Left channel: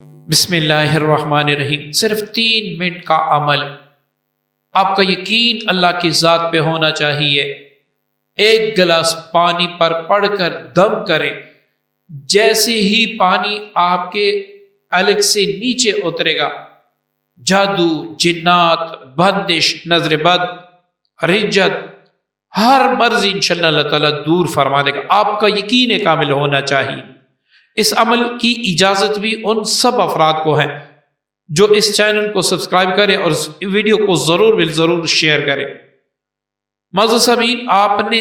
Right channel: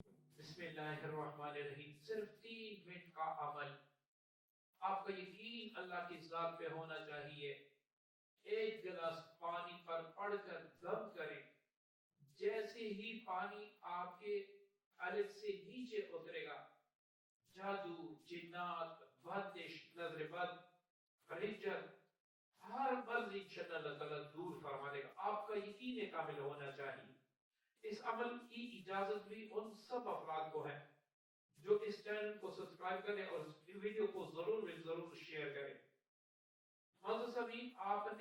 بسم اللہ الرحمن الرحیم۔ صرف 3 منٹ کا عمل، آپ کا یقین اللہ کی ذات پہ ہونا چاہیے۔ 1 گلاس پانی پر پڑھ کر دم کریں، جیسے ہی پانی آپ کے حلق سے نیچے اترے گا، جادو، جنات، بندش، نظر بد، رجت، ہر مرض انشاءاللہ اللہ تعالیٰ دور فرما دے گا۔ آپ کا یقین کامل ہونا چاہیے۔ اس عمل کی اجازت بھی ان سب افراد کو ہے جو اس چینل کو سبسکرائب کرے اور اس ویڈیو کو ضرور شیئر کرے۔ معزز سامعین، آپ نے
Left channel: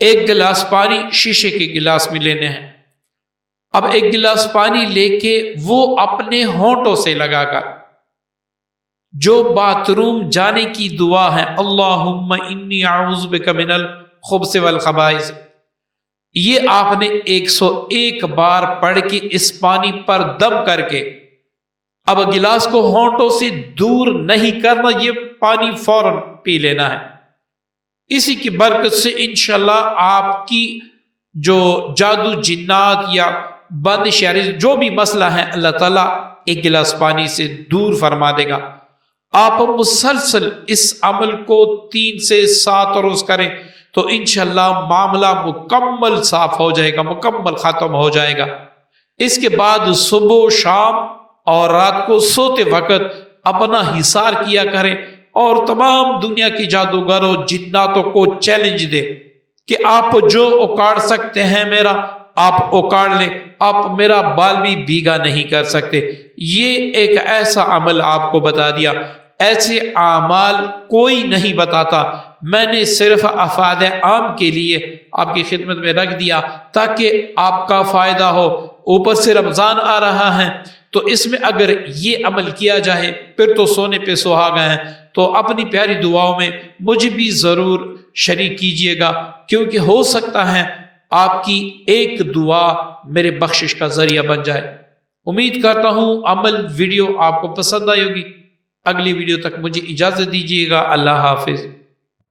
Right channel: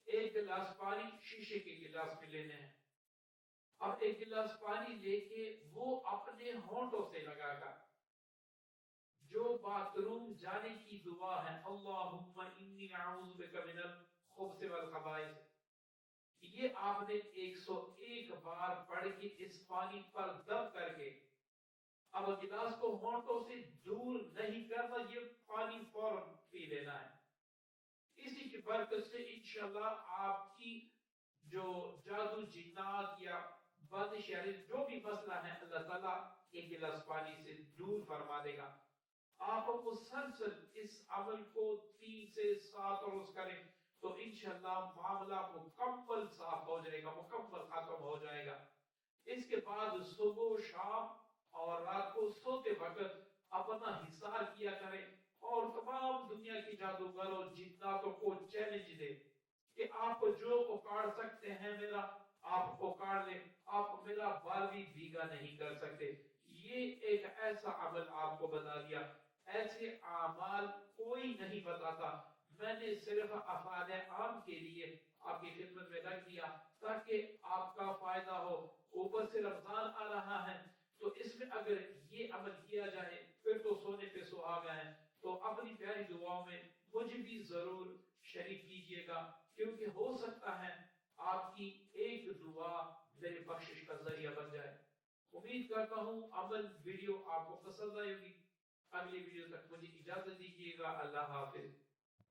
1 گلاس پانی شیشے کے گلاس میں لینے ہیں۔ اب 1 گلاس پانی لے کے وہ اپنے ہونٹوں سے لگا کر جو باتھ روم جانے کی دعا ہے، اللہم انی اعوذ بک من الخبث والخبائث، یہ آپ نے 101 بار پڑھ کے اس پانی پر دم کر کے اب گلاس کو ہونٹوں سے دور نہیں کرنا، یہ پانی فوراً پی لینا ہے۔ اسی کی برکت سے انشاءاللہ آپ کی جو جادو، جنات یا بند شعری جو بھی مسئلہ ہے، اللہ تعالیٰ 1 گلاس پانی سے دور فرما دے گا۔ آپ مسلسل اس عمل کو 3 سے 7 روز کریں تو انشاءاللہ معاملہ مکمل صاف ہو جائے گا، مکمل ختم ہو جائے گا۔ اس کے بعد صبح، شام اور رات کو سوتے وقت اپنا حصار کیا کریں اور تمام دنیا کی جادوگروں، جناتوں کو چیلنج دے کہ آپ جو اکاڑ سکتے ہیں میرا، آپ اکاڑ لیں، آپ میرا بال بھی بھیگا نہیں کر سکتے۔ یہ ایک ایسا عمل آپ کو بتا دیا، ایسے اعمال کوئی نہیں بتاتا، میں نے صرف افاد عام کے لیے آپ کی خدمت میں رکھ دیا تاکہ آپ کا فائدہ ہو۔ اوپر سے رمضان آ رہا ہے تو اس میں اگر یہ عمل کیا جائے پھر تو سونے پہ سہاگا ہے۔ تو اپنی پیاری دعاؤں میں مجھے بھی ضرور شریک کیجئے گا، کیونکہ ہو سکتا ہے آپ کی ایک دعا میرے بخشش کا ذریعہ بن جائے۔ امید کرتا ہوں عمل ویڈیو آپ کو پسند آئی ہوگی۔ اگلی ویڈیو تک مجھے اجازت دیجیے گا۔ اللہ حافظ۔